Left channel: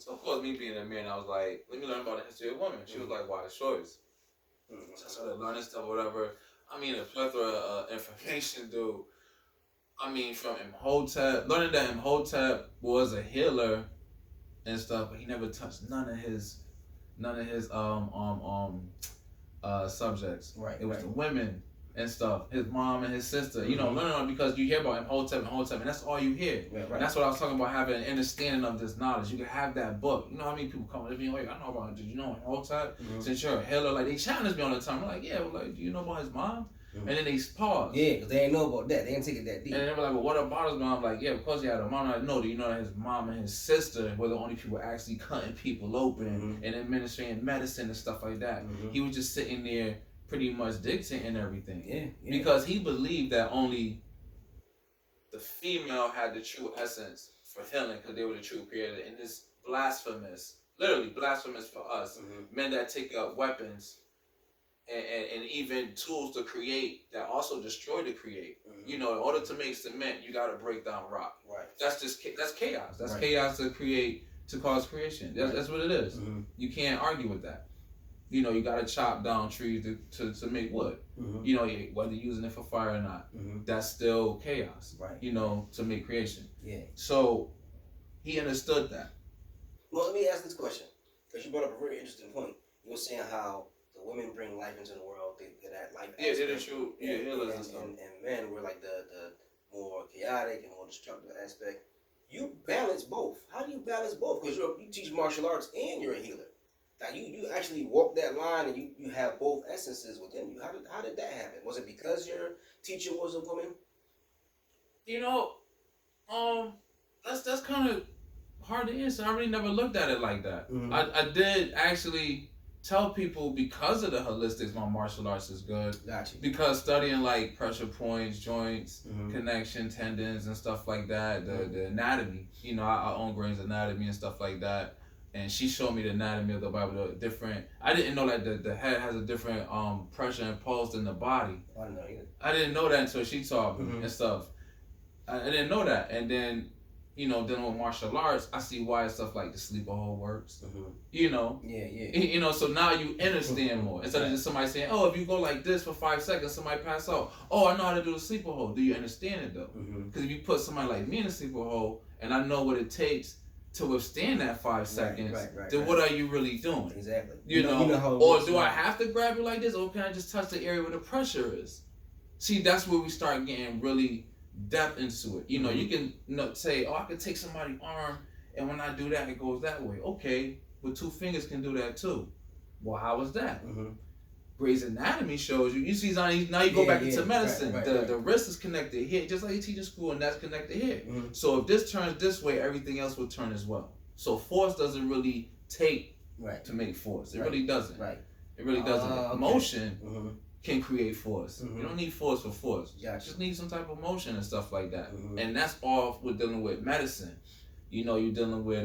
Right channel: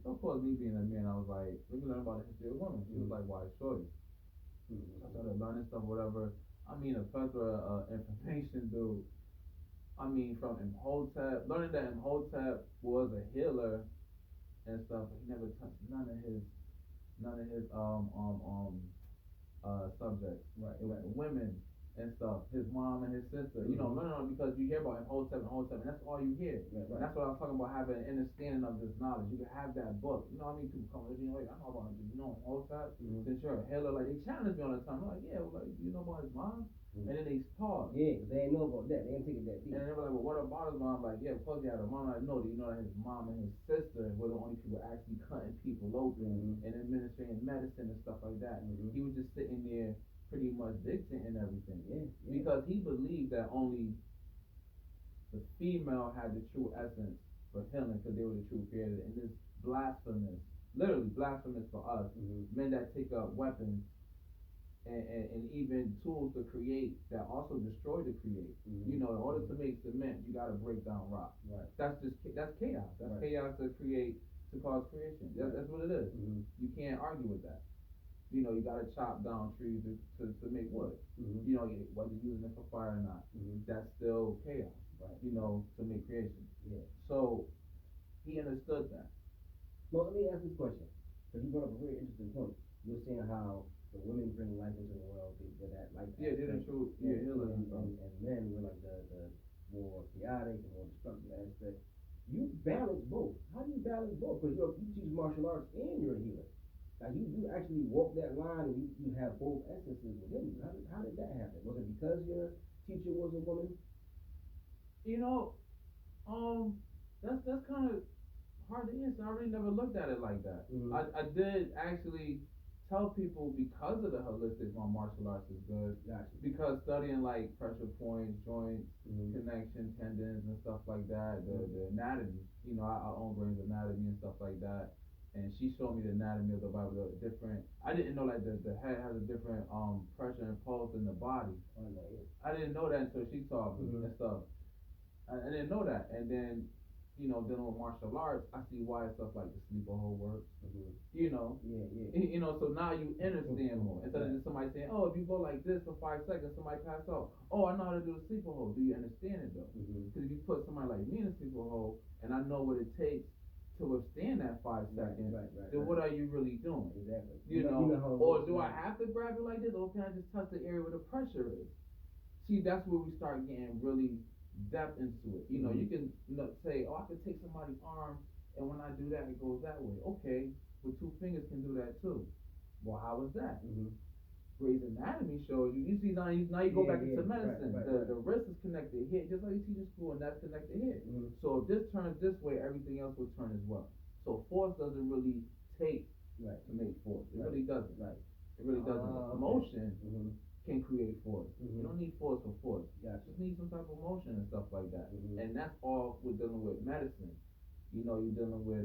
So of course, me being a man, I was like, let me learn about the history of women. She was like, why the shortest? So I started learning stuff, whatever. I mean, a plethora of information, dude. I mean, from Imhotep, learning that Imhotep was a healer and stuff, but he never touched none of his subjects. Right. It was the women and stuff. His mom and his sister. You know, no, because you hear about Imhotep, and that's all you hear. Right. And that's what I was talking about, having an understanding of this knowledge. You can have that book. You know how many people come to me, like, I know about it. Did you know Imhotep? Since you're a healer, like, they challenge me all the time. I'm like, yeah, well, like, do you know about his mom? And then they pause. Yeah, because they ain't know about that. They didn't take it that deep. And they were like, well, what about his mom? I'm like, yeah, because he had a mom. I'm like, no, do you know that his mom and his sister were the only people actually cutting people open and administering medicine and stuff like that? He was just sitting there pretty much dictating everything. Yeah. Because he believed that only the female had the true essence for healing because they were the true creator. And this blasphemous, literally blasphemous for us, men that take up weapons and even tools to create that also destroy the create. You know, in order to make cement, you got to break down rock. Right. That's chaos. That's chaos to cause creation. That's what it is. You can't argue with that. You know, you got to chop down trees to make wood. You know, whether you're using it for fire or not, that's still chaos. Right. You know, to make creation. Yeah. So he understood that. Well, let me ask this question, because you brought up a very interesting point. You were saying how the women bring life into the world. They're that life. Yeah, they're the true healers and stuff. And men were like the more chaotic and more destructive aspect. You balance both. How do you balance both? Because you teach martial arts and you're a healer. Like you actually walk that line and you have both essences within you. How did that happen? Was it because your teacher was a woman? You know, that's kind of hard to answer. I really never looked at it like that. I did actually tell people, because of the holistics, my martial arts is good. Gotcha. Because studying like pressure points, joints, connection, tendons, and stuff like that, the anatomy. You know, I own Gray's Anatomy and stuff like that. And she showed me the anatomy of the Bible, the different. I didn't know that the head has a different pressure and pulse than the body. I didn't know either. I didn't know that until she taught me and stuff. I didn't know that, and then, you know, dealing with martial arts, I see why stuff like the sleeper hold works. You know. Yeah. You know, so now you understand more. Instead of just somebody saying, oh, if you go like this for 5 seconds, somebody pass out. Oh, I know how to do the sleeper hold. Do you understand it though? Because if you put somebody like me in a sleeper hold, and I know what it takes to withstand that 5 seconds, then what are you really doing? Exactly. You know or do I have to grab it like this, or can I just touch the area where the pressure is? See, that's where we start getting really depth into it. You know, you can say, oh, I can take somebody's arm, and when I do that, it goes that way. Okay, but 2 fingers can do that too. Well, how was that? Gray's Anatomy shows you. You see, now you go back into medicine. The wrist is connected here, just like you teach in school, and that's connected here. So if this turns this way, everything else will turn as well. So force doesn't really take to make force. It really doesn't. It really doesn't. Okay. Motion can create force. You don't need force for force. Gotcha. You just need some type of motion and stuff like that. And that's all with dealing with medicine. You know, you're dealing with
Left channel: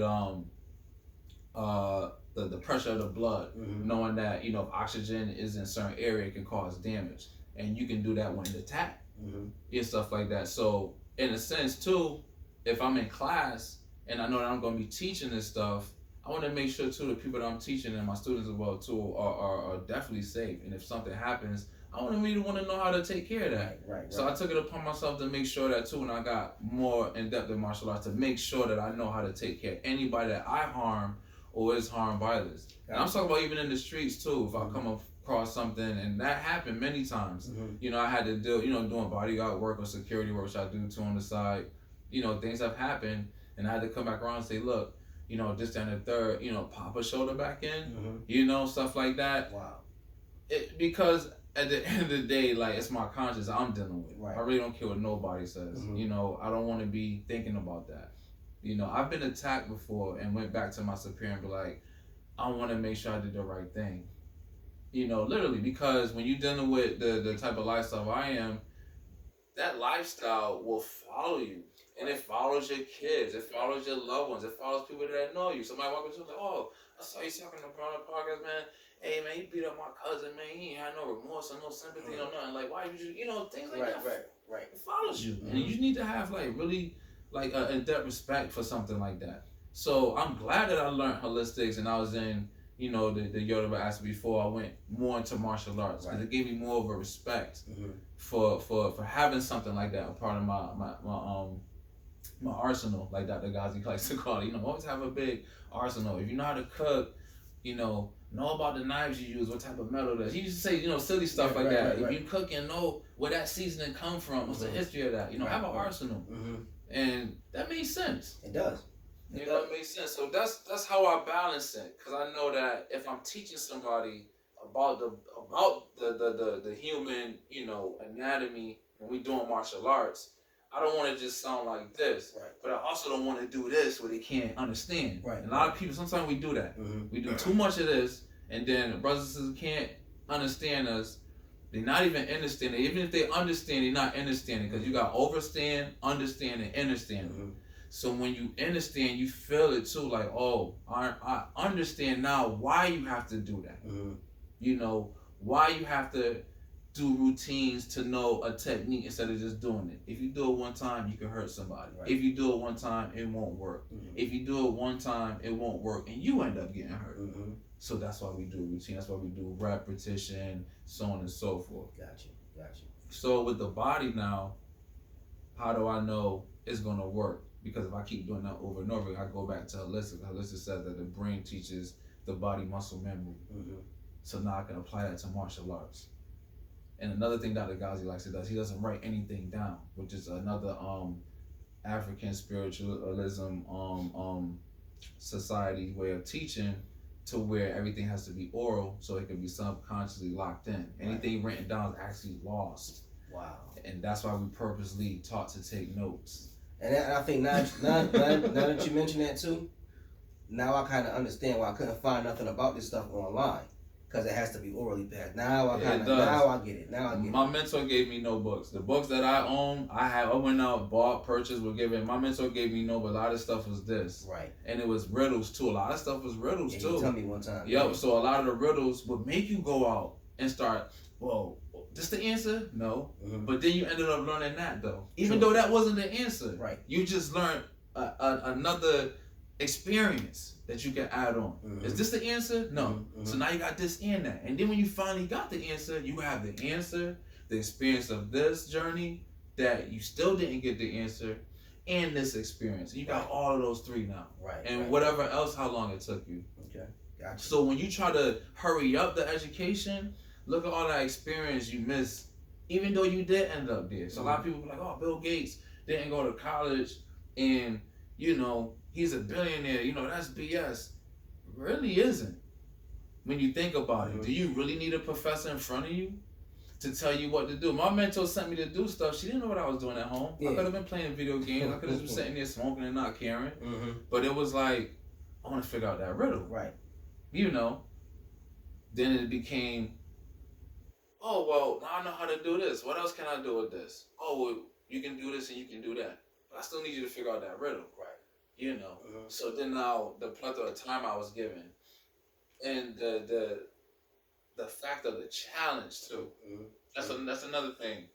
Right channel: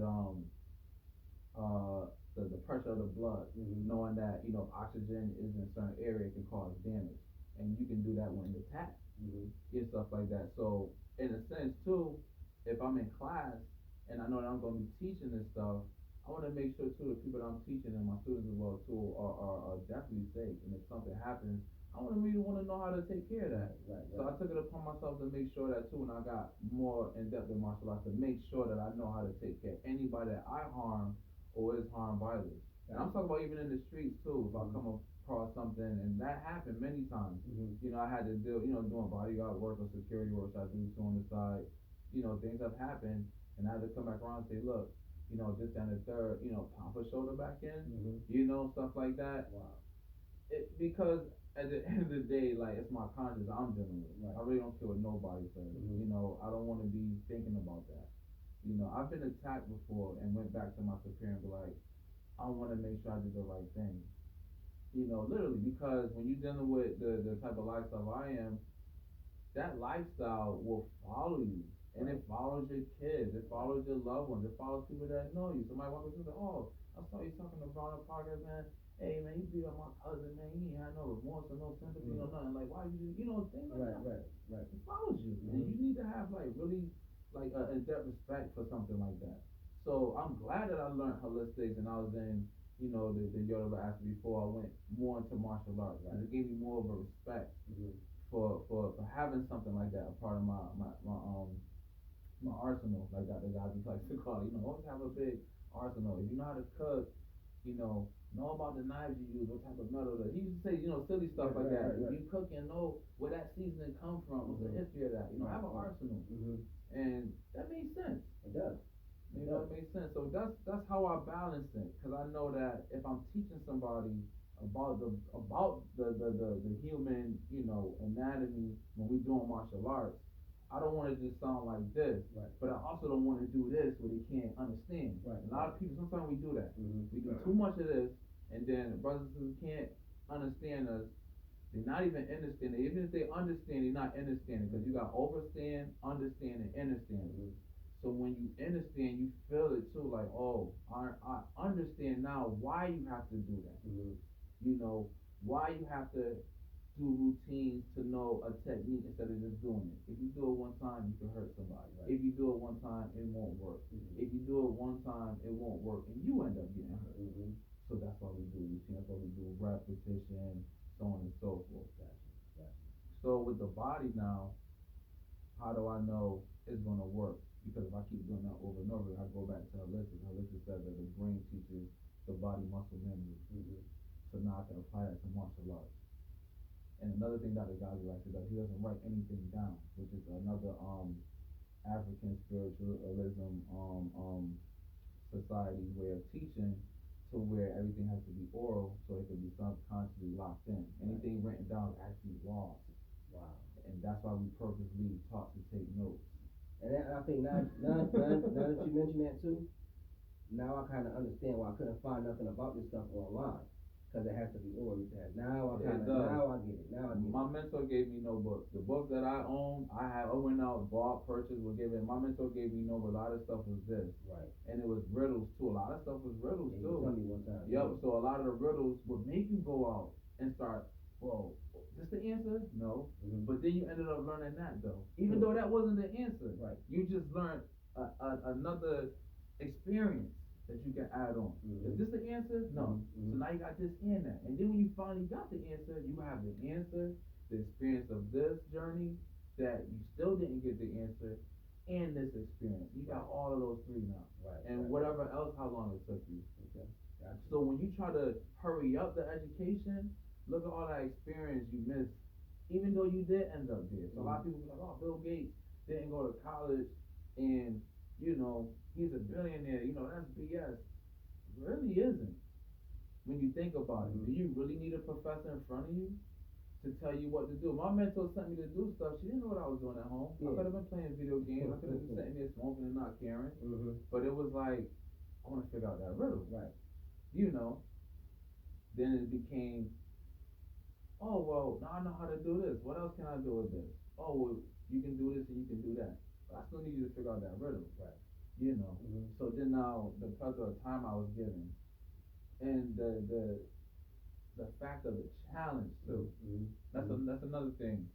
the pressure of the blood, knowing that, you know, if oxygen is in a certain area, it can cause damage, and you can do that when attacked and stuff like that. So in a sense too, if I'm in class and I know that I'm going to be teaching this stuff, I want to make sure too the people that I'm teaching and my students as well too are definitely safe. And if something happens, I want to know how to take care of that. So I took it upon myself to make sure that too, when I got more in depth in martial arts, to make sure that I know how to take care of anybody that I harm or is harmed by this. And I'm talking about even in the streets too. If I come across something, and that happened many times, you know, I had to deal, you know, doing bodyguard work or security work, which I do too on the side. You know, things have happened, and I had to come back around and say, look, you know, this, that, and the third, you know, pop a shoulder back in, you know, stuff like that. Wow. Because at the end of the day, like, it's my conscience I'm dealing with. I really don't care what nobody says. You know, I don't want to be thinking about that. You know, I've been attacked before and went back to my superior and be like, I want to make sure I did the right thing. You know, literally, because when you're dealing with the type of lifestyle I am, that lifestyle will follow you. And it follows your kids. It follows your loved ones. It follows people that know you. Somebody walk up to you like, oh, I saw you talking to Brown podcast, man. Hey, man, you beat up my cousin, man. He ain't had no remorse or no sympathy or nothing. Like, why would you, you know, things like that. It follows you. And you need to have, like, really, like, in-depth respect for something like that. So I'm glad that I learned holistics and I was in, you know, the Yoruba aspect before I went more into martial arts, because it gave me more of a respect for having something like that, a part of my arsenal, like Dr. Ghazi likes to call it. You know, always have a big arsenal. If you know how to cook, you know about the knives you use, what type of metal that. He used to say, you know, silly stuff like that. If you cook and know where that seasoning come from, what's the history of that, you know, have an arsenal. And that makes sense. It does. You know, it makes sense. So that's how I balance it, because I know that if I'm teaching somebody about the human, you know, anatomy when we doing martial arts, I don't want to just sound like this, but I also don't want to do this where they can't understand. And a lot of people, sometimes we do that. We do too much of this, and then brothers and sisters can't understand us. They're not even understanding. Even if they understand, they're not understanding, because you got overstand, understand, and understand. So when you understand, you feel it too, like, oh, I understand now why you have to do that. You know, why you have to do routines to know a technique instead of just doing it. If you do it one time, you can hurt somebody. If you do it one time, it won't work. If you do it one time, it won't work, and you end up getting hurt. So that's why we do routine. That's why we do repetition, so on and so forth. Gotcha. So with the body now, how do I know it's gonna work? Because if I keep doing that over and over, I go back to holistic. Holistic says that the brain teaches the body muscle memory. So now I can apply that to martial arts. And another thing Dr. Ghazi likes to do is he doesn't write anything down, which is another African spiritualism society way of teaching, to where everything has to be oral so it can be subconsciously locked in. Anything written down is actually lost. Wow. And that's why we purposely taught to take notes. And I think now that you mention that too, now I kind of understand why I couldn't find nothing about this stuff online, because it has to be orally passed. Now I get it. My mentor gave me no books. The books that I own, I went out, bought, purchased, were given. My mentor gave me no, but a lot of stuff was this. And it was riddles too. A lot of stuff was riddles too. You told me one time. Yep. So a lot of the riddles would make you go out and start, whoa, this the answer? No. But then you ended up learning that though. Even though that wasn't the answer. You just learned another experience that you can add on. Is this the answer? No. So now you got this and that. And then when you finally got the answer, you have the answer, the experience of this journey that you still didn't get the answer, and this experience. You got all of those three now. And whatever else, how long it took you. Okay. Gotcha. So when you try to hurry up the education, look at all that experience you missed, even though you did end up there. So a lot of people be like, oh, Bill Gates didn't go to college and, you know, he's a billionaire. You know, that's BS. Really isn't. When you think about it, do you really need a professor in front of you to tell you what to do? My mentor sent me to do stuff. She didn't know what I was doing at home. I could have been playing video games. I could have been sitting there smoking and not caring. But it was like, I want to figure out that riddle. You know. Then it became, oh, well, now I know how to do this. What else can I do with this? Oh, well, you can do this and you can do that. But I still need you to figure out that riddle. You know. So then now the plethora of time I was given, and the fact of the challenge too. That's another thing.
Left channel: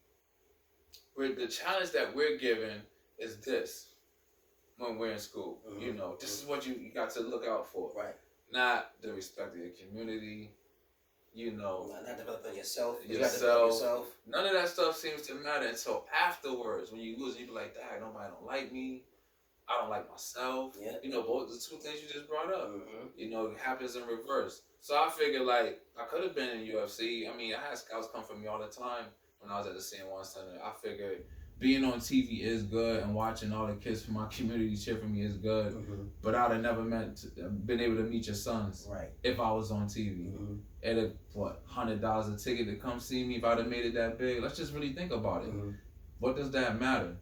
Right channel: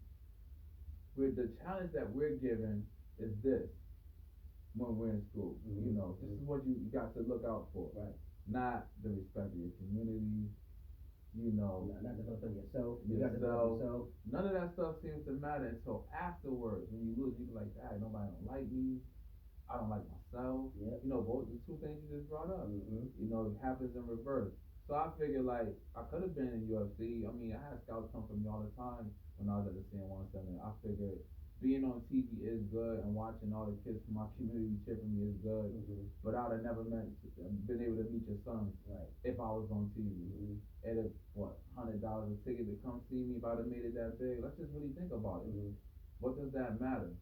Where the challenge that we're given is this when we're in school. You know, this is what you got to look out for. Not the respect of your community. You know, not developing yourself. None of that stuff seems to matter until afterwards. When you lose, you be like, "Dang, nobody don't like me. I don't like myself." You know, both the two things you just brought up. You know, it happens in reverse. So I figured, like, I could have been in UFC. I mean, I had scouts come for me all the time when I was at the CN1 Center. I figured being on TV is good, and watching all the kids from my community cheer for me is good. But I'd have never been able to meet your sons if I was on TV. At a $100 a ticket to come see me, if I'd have made it that big. Let's just really think about it. What does that matter?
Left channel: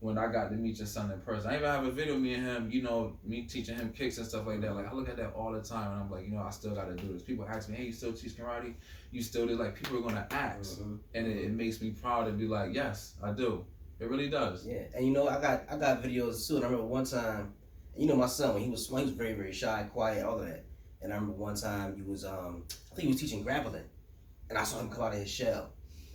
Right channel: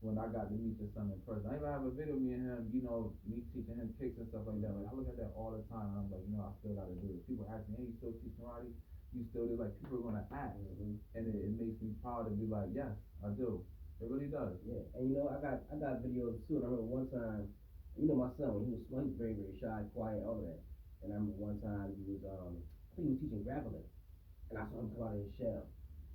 When I got to meet your son in person, I even have a video of me and him, you know, me teaching him kicks and stuff like that. Like, I look at that all the time, and I'm like, you know, I still got to do this. People ask me, hey, you still teach karate? You still do? Like, people are gonna ask, and it makes me proud to be like, yes, I do. It really does. Yeah, and you know, I got videos too. And I remember one time, you know, my son, when he was very, very shy, quiet, all of that. And I remember one time he was, I think he was teaching grappling, and I saw him come out of his shell.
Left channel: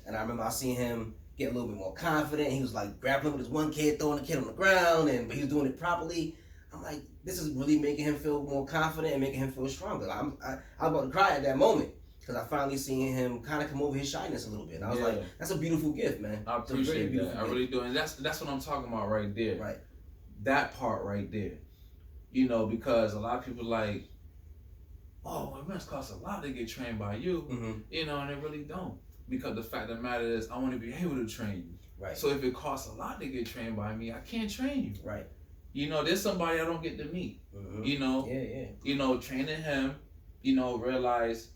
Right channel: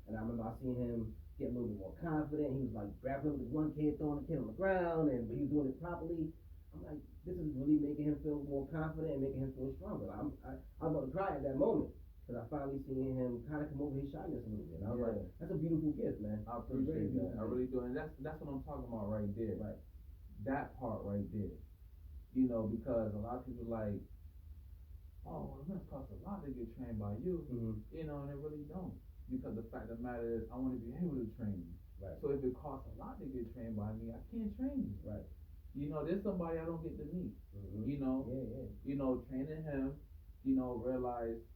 And I remember I seen him get a little bit more confident. He was like grappling with his one kid, throwing the kid on the ground, but he was doing it properly. I'm like, this is really making him feel more confident and making him feel stronger. I was about to cry at that moment because I finally seen him kind of come over his shyness a little bit. And I was like, that's a beautiful gift, man. I appreciate that. I really do. And that's what I'm talking about right there. Right. That part right there. You know, because a lot of people like, oh, it must cost a lot to get trained by you. Mm-hmm. You know, and it really don't. Because the fact of the matter is, I want to be able to train you. Right. So if it costs a lot to get trained by me, I can't train you. Right. You know, there's somebody I don't get to meet. Mm-hmm. You know. Yeah. You know, training him. You know, realize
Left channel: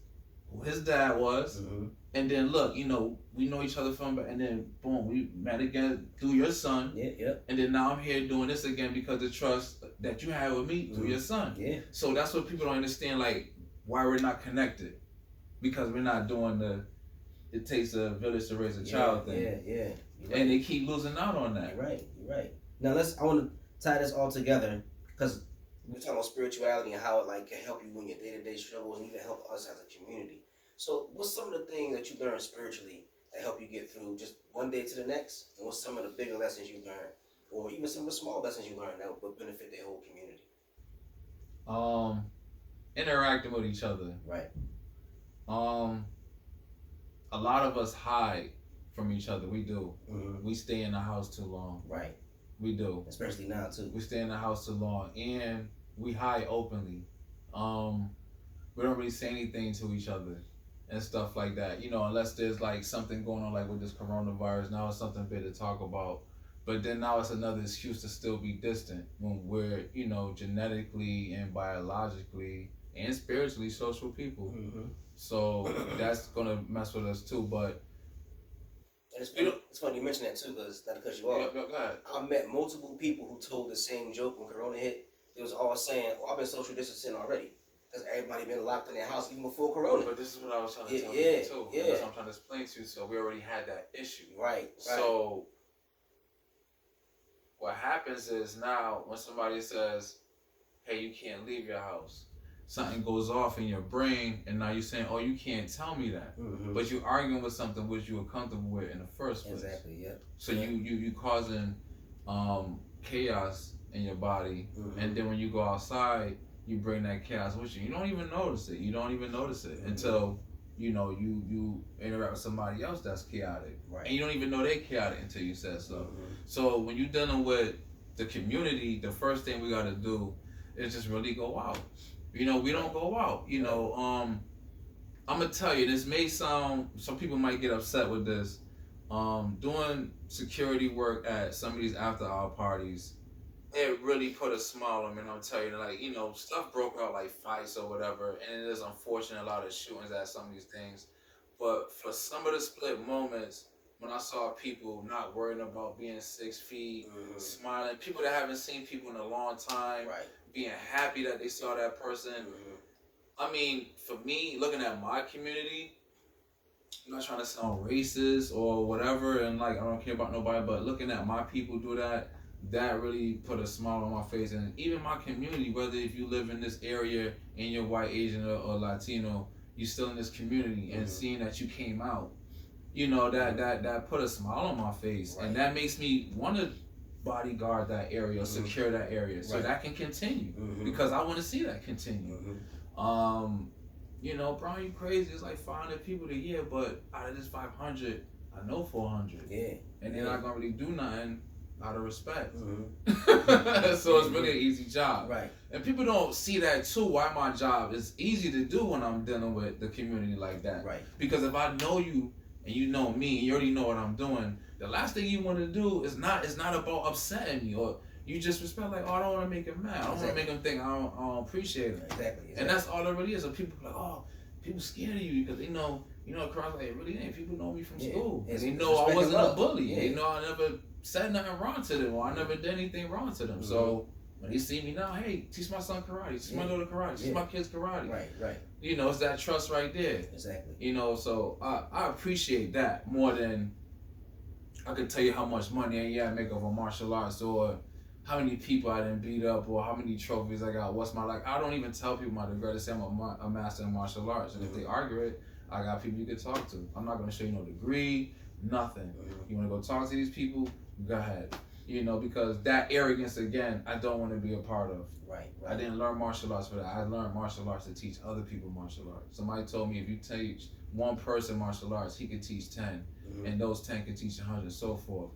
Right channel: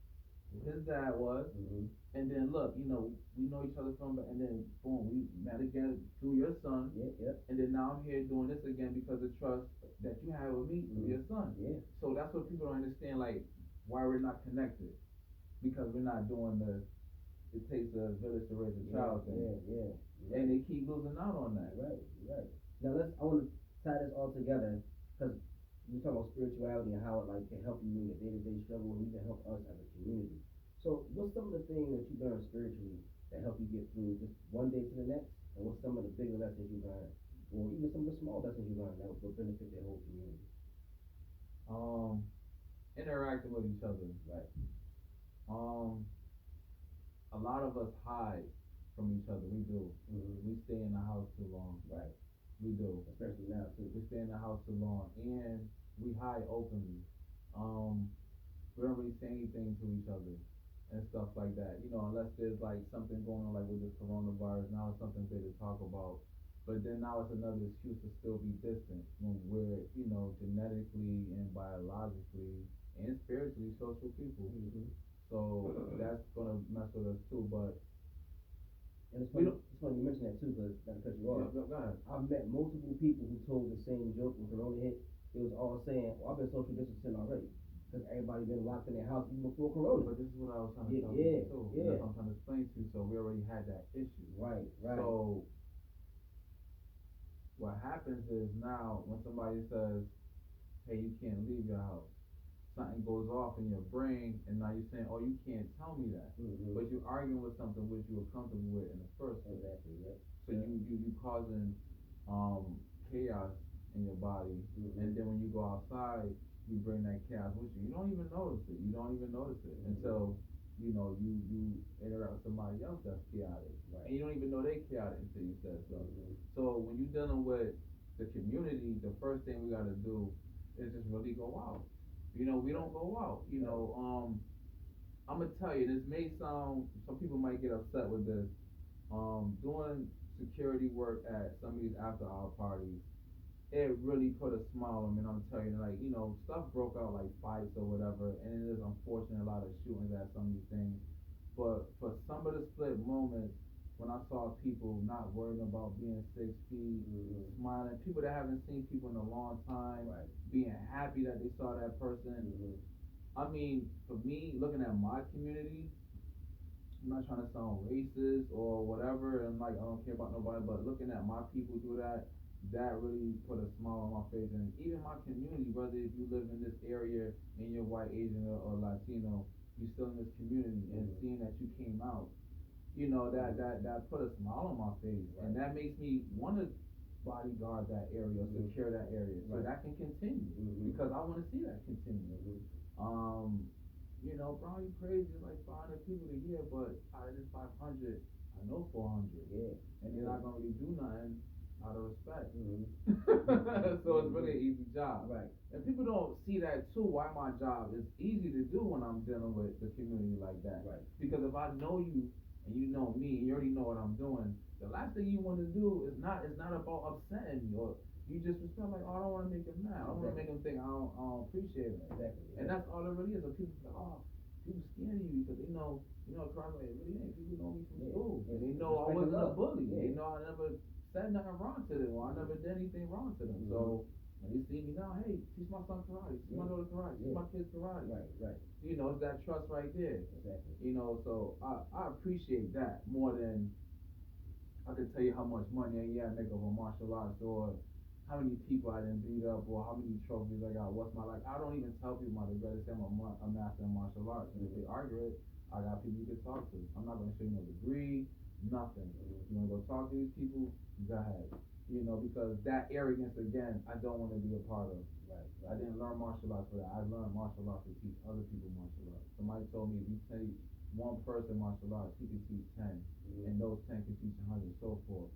who his dad was. Mm-hmm. And then look, you know, we know each other from, and then boom, we met again through your son. Yeah. And then now I'm here doing this again because the trust that you had with me through your son. Yeah. So that's what people don't understand, like why we're not connected, because we're not doing it takes a village to raise a child thing. Yeah. Right. And they keep losing out on that. You're right. Now I want to tie this all together because we're talking about spirituality and how it like can help you in your day-to-day struggles and even help us as a community. So what's some of the things that you learned spiritually that help you get through just one day to the next? And what's some of the bigger lessons you learned? Or even some of the small lessons you learned that would benefit the whole community? Interacting with each other. Right. A lot of us hide from each other. We do. Mm-hmm. We stay in the house too long. Right. We do. Especially now too. We stay in the house too long, and we hide openly. We don't really say anything to each other and stuff like that. You know, unless there's like something going on, like with this coronavirus. Now it's something big to talk about. But then now it's another excuse to still be distant when we're, you know, genetically and biologically and spiritually social people. Mm-hmm. So that's gonna mess with us too. But and it's funny you mention that too, because not to cut you off. Go ahead. I met multiple people who told the same joke when Corona hit. They was all saying, "I've been social distancing already," because everybody been locked in their house even before Corona. But this is what I was trying to tell you too. Yeah. That's what I'm trying to explain to you. So we already had that issue. Right. So what happens is now when somebody says, "Hey, you can't leave your house," something goes off in your brain, and now you're saying, "Oh, you can't tell me that," but you're arguing with something which you were comfortable with in the first place. Exactly. Yeah. So you causing chaos in your body, and then when you go outside, you bring that chaos with you. You don't even notice it. You don't even notice it until you know you interact with somebody else that's chaotic, right? And you don't even know they're chaotic until you said so. So when you're dealing with the community, the first thing we got to do is just really go out. You know, we don't go out. You know, I'm gonna tell you, this may sound, some people might get upset with this. Doing security work at some of these after-hour parties, it really put a smile on me. And I'm telling you, like, you know, stuff broke out like fights or whatever, and it is unfortunate, a lot of shootings at some of these things. But for some of the split moments, when I saw people not worrying about being 6 feet, smiling, people that haven't seen people in a long time, being happy that they saw that person. I mean, for me, looking at my community, I'm not trying to sound racist or whatever, and like I don't care about nobody, but looking at my people do that, that really put a smile on my face. And even my community, whether if you live in this area and you're white, Asian, or Latino, you're still in this community, and seeing that you came out, you know, that put a smile on my face, and that makes me want to bodyguard that area, secure that area, so that can continue, because I want to see that continue. You know, bro, you crazy? It's like 500 people a year, but out of this 500, I know 400. Yeah. And they're not gonna really do nothing out of respect. So it's really an easy job. Right. And people don't see that too. Why my job is easy to do when I'm dealing with the community like that. Right. Because if I know you and you know me, and you already know what I'm doing, the last thing you want to do is not about upsetting me, or you just respect, like, oh, I don't want to make him mad. I don't want to make him think I don't appreciate him. Exactly. And that's all it really is. So people like, oh, people scared of you because they know, across, like, it really ain't. People know me from school. And they know I wasn't a bully. They know I never said nothing wrong to them, or I never did anything wrong to them. So when they see me now, hey, teach my son karate, teach my daughter karate, teach my kids karate. Right. It's that trust right there. Exactly. So I appreciate that more than I could tell you how much money I make over martial arts, or how many people I didn't beat up, or how many trophies I got. What's my, like, I don't even tell people my degree. They say I'm a master in martial arts, and if they argue it, I got people you can talk to. I'm not gonna show you no degree, nothing. You wanna go talk to these people? Go ahead. You know, because that arrogance again, I don't want to be a part of. Right. I didn't learn martial arts for that. I learned martial arts to teach other people martial arts. Somebody told me if you teach one person martial arts, he could teach 10, and those 10 could teach 100, so forth.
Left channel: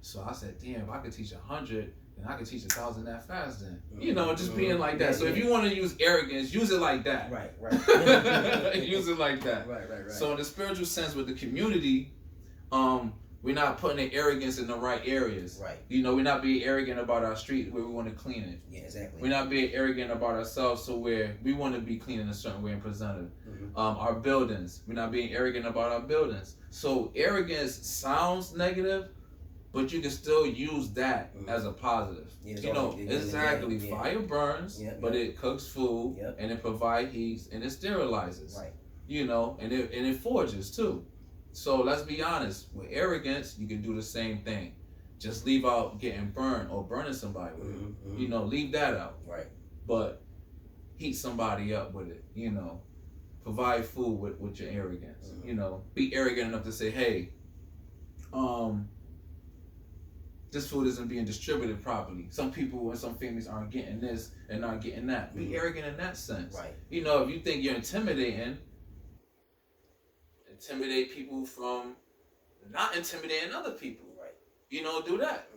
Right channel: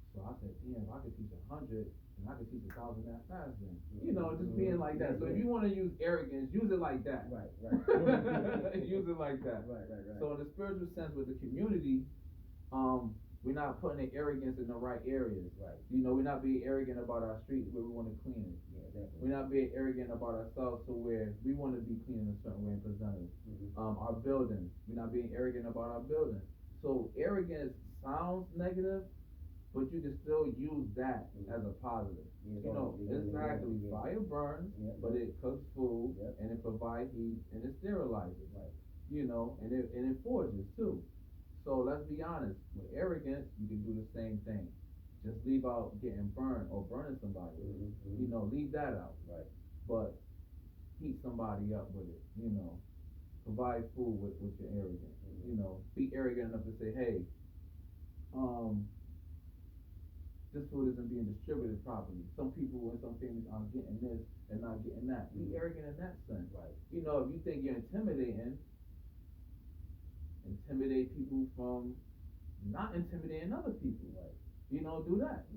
So I said, damn, if I could teach 100, then I could teach 1,000 that fast. Then you know, just being like that. So if you want to use arrogance, use it like that. Right. Use it like that. Right. So in the spiritual sense, with the community, we're not putting the arrogance in the right areas. Right. You know, we're not being arrogant about our street where we want to clean it. Yeah, exactly. We're not being arrogant about ourselves to where we want to be clean in a certain way and presented. Our buildings, we're not being arrogant about our buildings. So arrogance sounds negative, but you can still use that as a positive. Yeah, you know, exactly. Fire burns, but it cooks food and it provides heat and it sterilizes. Right. You know, and it forges too. So let's be honest, with arrogance, you can do the same thing. Just leave out getting burned or burning somebody with it. You know, leave that out. Right. But heat somebody up with it, you know. Provide food with your arrogance. You know, be arrogant enough to say, hey, this food isn't being distributed properly. Some people and some families aren't getting this and not getting that. Be arrogant in that sense. Right. You know, if you think you're intimidate people from not intimidating other people. Right. You know, do that.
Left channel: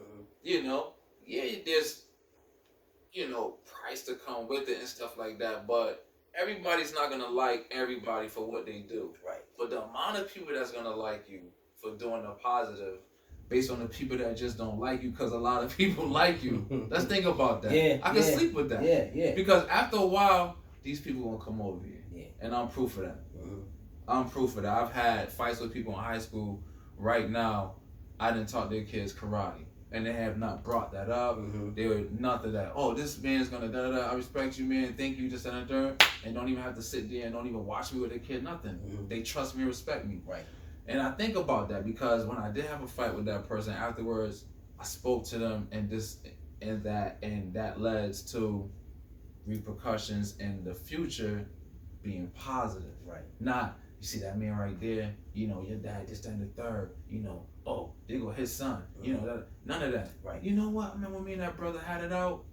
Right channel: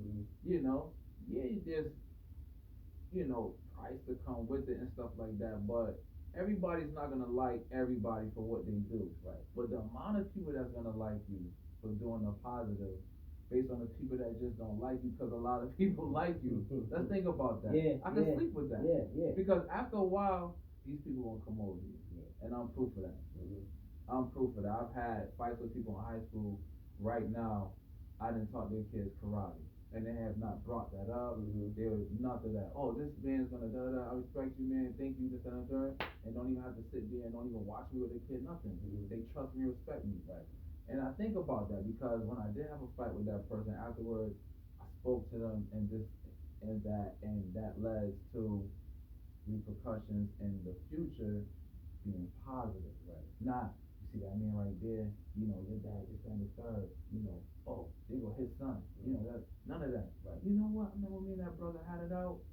You know, there's, you know, price to come with it and stuff like that, but everybody's not gonna like everybody for what they do. Right. But the amount of people that's gonna like you for doing the positive, based on the people that just don't like you, because a lot of people like you. Let's think about that. I can sleep with that. Yeah. Because after a while, these people gonna come over here. Yeah. And I'm proof of that. I'm proof of that. I've had fights with people in high school. Right now, I didn't taught their kids karate, and they have not brought that up. They were nothing that. Oh, this man's gonna da da da. I respect you, man. Thank you. Just and third, and don't even have to sit there and don't even watch me with their kid. Nothing. They trust me, respect me. Right. And I think about that because when I did have a fight with that person, afterwards, I spoke to them, and that led to repercussions in the future being positive. Right. Not. You see that man right there, you know, your dad just turned the third, you know, oh, there go his son, you know, none of that. Right. You know what, man, when me and that brother had it out,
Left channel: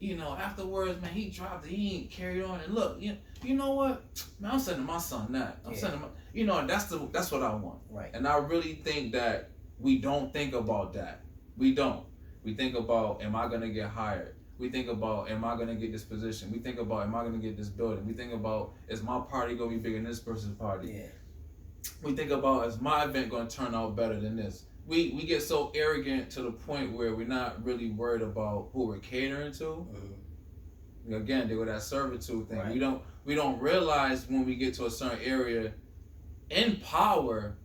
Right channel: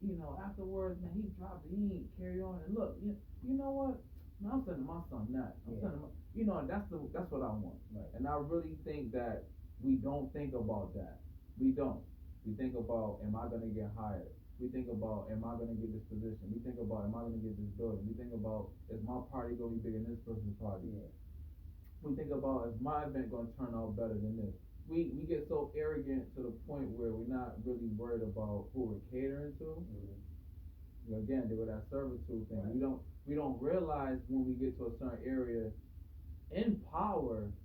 you know, afterwards, man, he dropped it, he ain't carried on, and look, you know what, man, I'm sending my son that. I'm sending my, you know, and that's what I want. Right. And I really think that we don't think about that. We don't. We think about, am I gonna get hired? We think about, am I going to get this position? We think about, am I going to get this building? We think about, is my party going to be bigger than this person's party? Yeah. We think about, is my event going to turn out better than this? We get so arrogant to the point where we're not really worried about who we're catering to. Again, they go that servitude thing. Right. We don't realize when we get to a certain area, in power,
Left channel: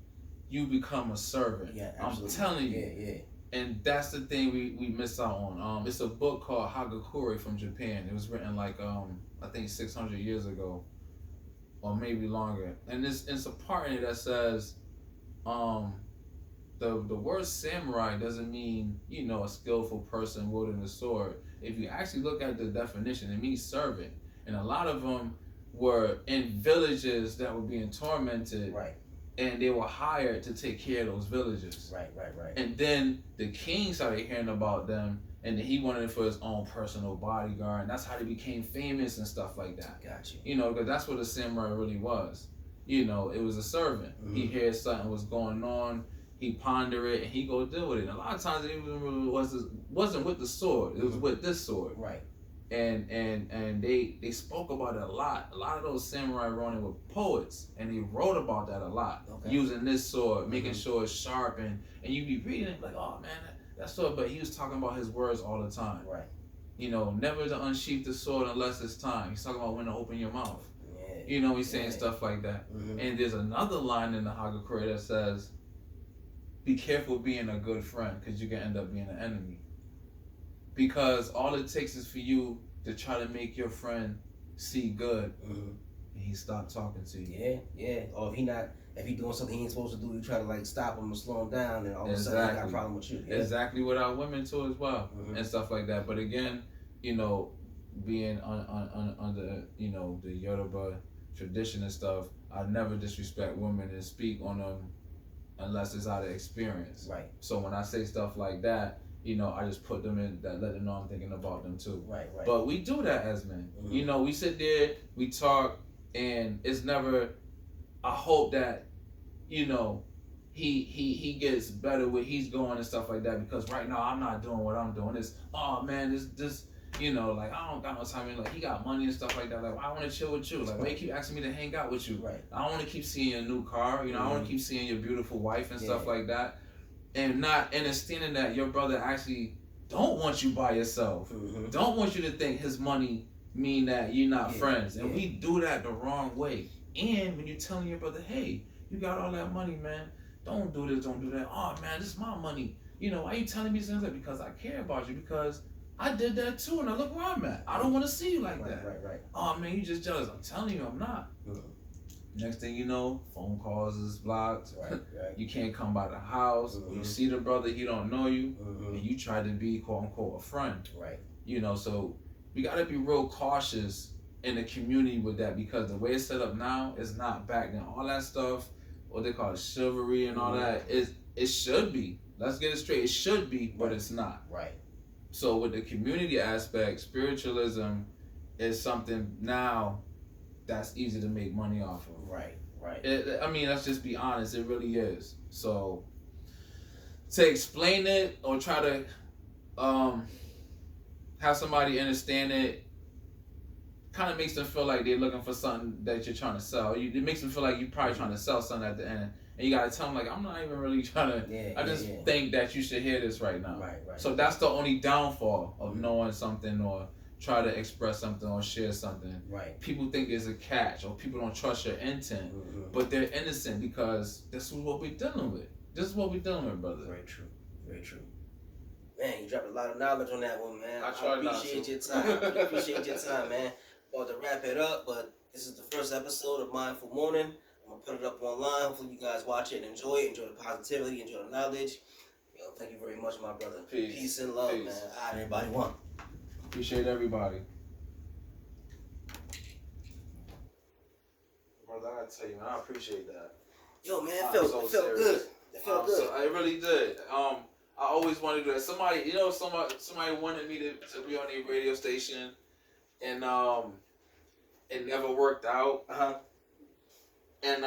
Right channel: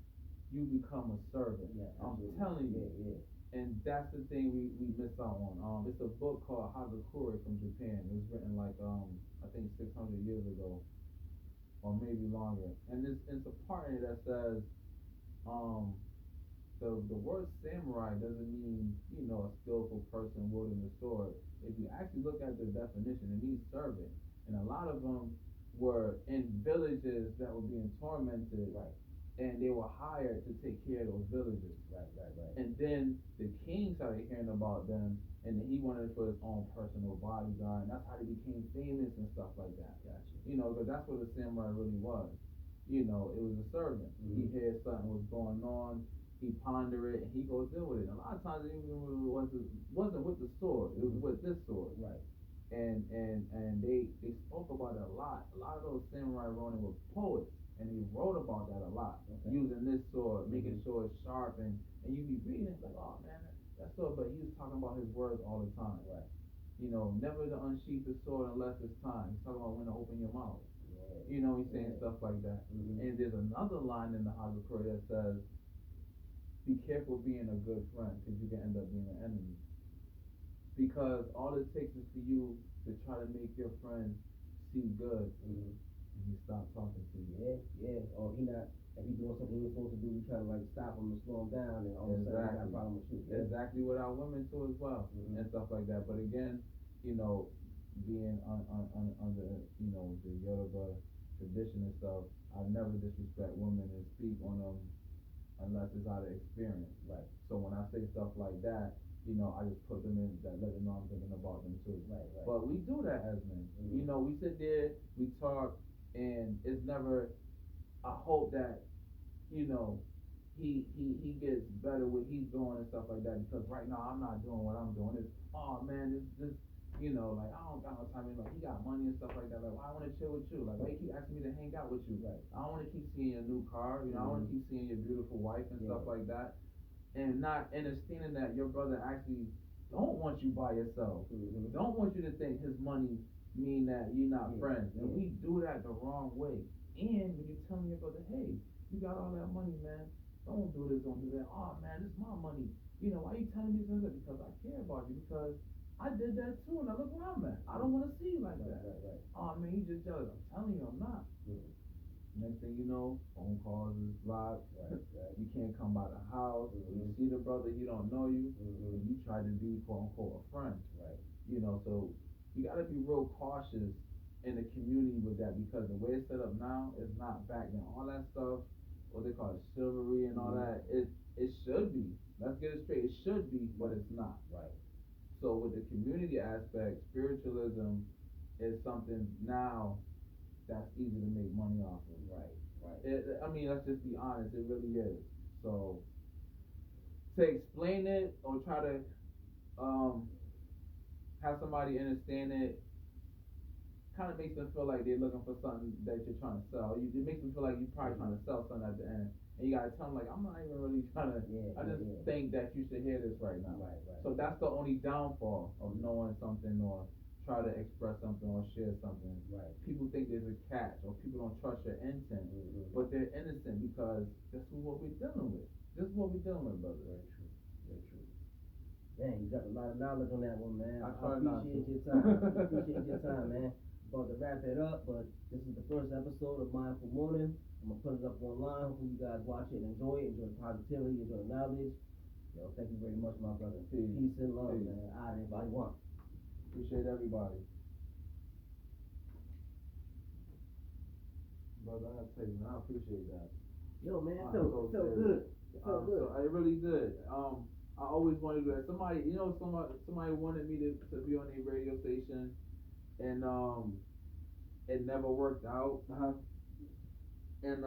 you become a servant. Yeah, absolutely. I'm telling you. Yeah. And that's the thing we miss out on. It's a book called Hagakure from Japan. It was written like I think 600 years ago, or maybe longer. And it's a part in it that says, the word samurai doesn't mean, you know, a skillful person wielding a sword. If you actually look at the definition, it means servant. And a lot of them were in villages that were being tormented. Right. And they were hired to take care of those villages. Right. And then the king started hearing about them, and then he wanted it for his own personal bodyguard, and that's how they became famous and stuff like that. Gotcha. You know, because that's what a samurai really was. You know, it was a servant. He heard something was going on, he ponder it, and he go deal with it. And a lot of times it wasn't with the sword; it was with this sword. Right. And they spoke about it a lot. A lot of those samurai ronin were poets, and they wrote about that a lot. Okay. Using this sword, making sure it's sharp, and you be reading it like, oh man, that sword. But he was talking about his words all the time. Right. You know, never to unsheath the sword unless it's time. He's talking about when to open your mouth. Yeah. You know, he's saying stuff like that. And there's another line in the Hagakure that says, be careful being a good friend, because you can end up being an enemy. Because all it takes is for you to try to make your friend see good, and he stopped talking to you. Yeah. Or if he doing something he ain't supposed to do, you try to like stop him or slow him down, and all of a sudden he got a problem with you. Yeah. Exactly with our women too as well, and stuff like that. But again, you know, being under, you know, the Yoruba tradition and stuff, I never disrespect women and speak on them unless it's out of experience. Right. So when I say stuff like that, you know, I just put them in that, let them know I'm thinking about them too. Right. But we do that as men. You know, we sit there, we talk, and it's never. I hope that, you know, he gets better with he's going and stuff like that, because right now I'm not doing what I'm doing. It's, oh man, this you know, like I don't got no time. Like he got money and stuff like that. Like I want to chill with you. Like why you keep asking me to hang out with you? Right. I don't want to keep seeing your new car. You know, I want to keep seeing your beautiful wife and stuff like that, and not understanding that your brother actually don't want you by yourself. Don't want you to think his money mean that you're not friends, and we do that the wrong way. And when you're telling your brother, hey, you got all that money, man, don't do this, don't do that. Oh man, this is my money. You know, why you telling me something? Because I care about you, because I did that too, and I look where I'm at. I don't want to see you like that. Right. Oh man, you just jealous. I'm telling you, I'm not. Next thing you know, phone calls is blocked. Right. You can't come by the house. You see the brother, he don't know you, and you try to be quote unquote a friend. Right. You know, so we gotta be real cautious in the community with that, because the way it's set up now is not back then. All that stuff, what they call it, chivalry and all that, it should be. Let's get it straight. It should be, but it's not. Right. So with the community aspect, spiritualism is something now that's easy to make money off of. Right. I mean, let's just be honest. It really is. So to explain it or try to have somebody understand it kind of makes them feel like they're looking for something that you're trying to sell. It makes them feel like you're probably trying to sell something at the end. And you gotta tell them, like, I'm not even really trying to. I just think that you should hear this right now. Right. So that's the only downfall of knowing something or try to express something or share something. Right. People think there's a catch, or people don't trust your intent, but they're innocent, because this is what we're dealing with. This is what we're dealing with, brother. Very true. Man, you dropped a lot of knowledge on that one, man. I appreciate your time. I appreciate your time, man. About to wrap it up, but this is the first episode of Mindful Morning. I'm gonna put it up online. Hopefully, you guys watch it and enjoy it. Enjoy the positivity. Enjoy the knowledge. Thank you very much, my brother. Peace and love, man. All right, everybody. One. Appreciate everybody. Brother, I gotta tell you, man, I appreciate that. Yo, man, it felt good. It felt good. I really did. I always wanted to do that. Somebody wanted me to be on a radio station, and it never worked out. And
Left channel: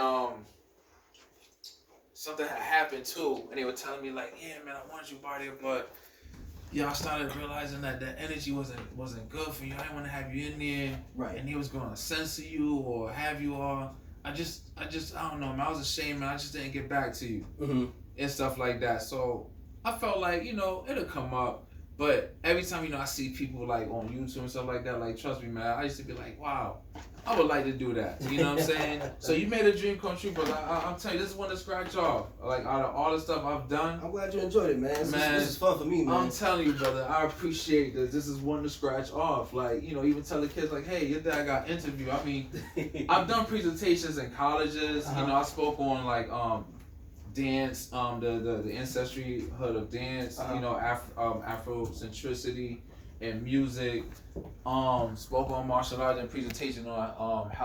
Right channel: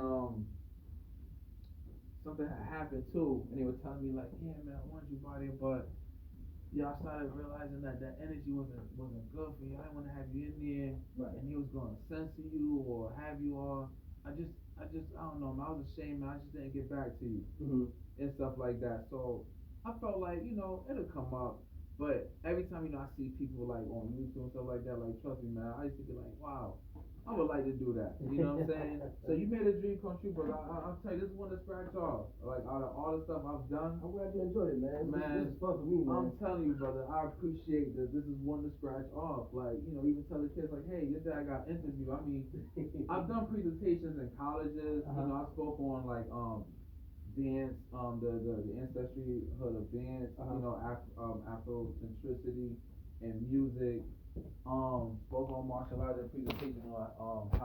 something had happened too, and they were telling me like, yeah, man, I want you by there, but I started realizing that that energy wasn't good for you. I didn't want to have you in there, right? And he was gonna censor you or have you all. I just I don't know, man. I was ashamed, man. I just didn't get back to you and stuff like that. So I felt like, it'll come up. But every time, I see people like on YouTube and stuff like that, like, trust me, man, I used to be like, wow, I would like to do that. You know what I'm saying? So you made a dream come true, but I'm telling you, this is one to scratch off. Like, out of all the stuff I've done. I'm glad you enjoyed it, man. This is fun for me, man. I'm telling you, brother, I appreciate this. This is one to scratch off. Like, even tell the kids, like, hey, your dad got interviewed. I mean, I've done presentations in colleges. I spoke on, like, dance, the ancestryhood of dance, Afrocentricity and music. Spoke on martial arts and presentation on how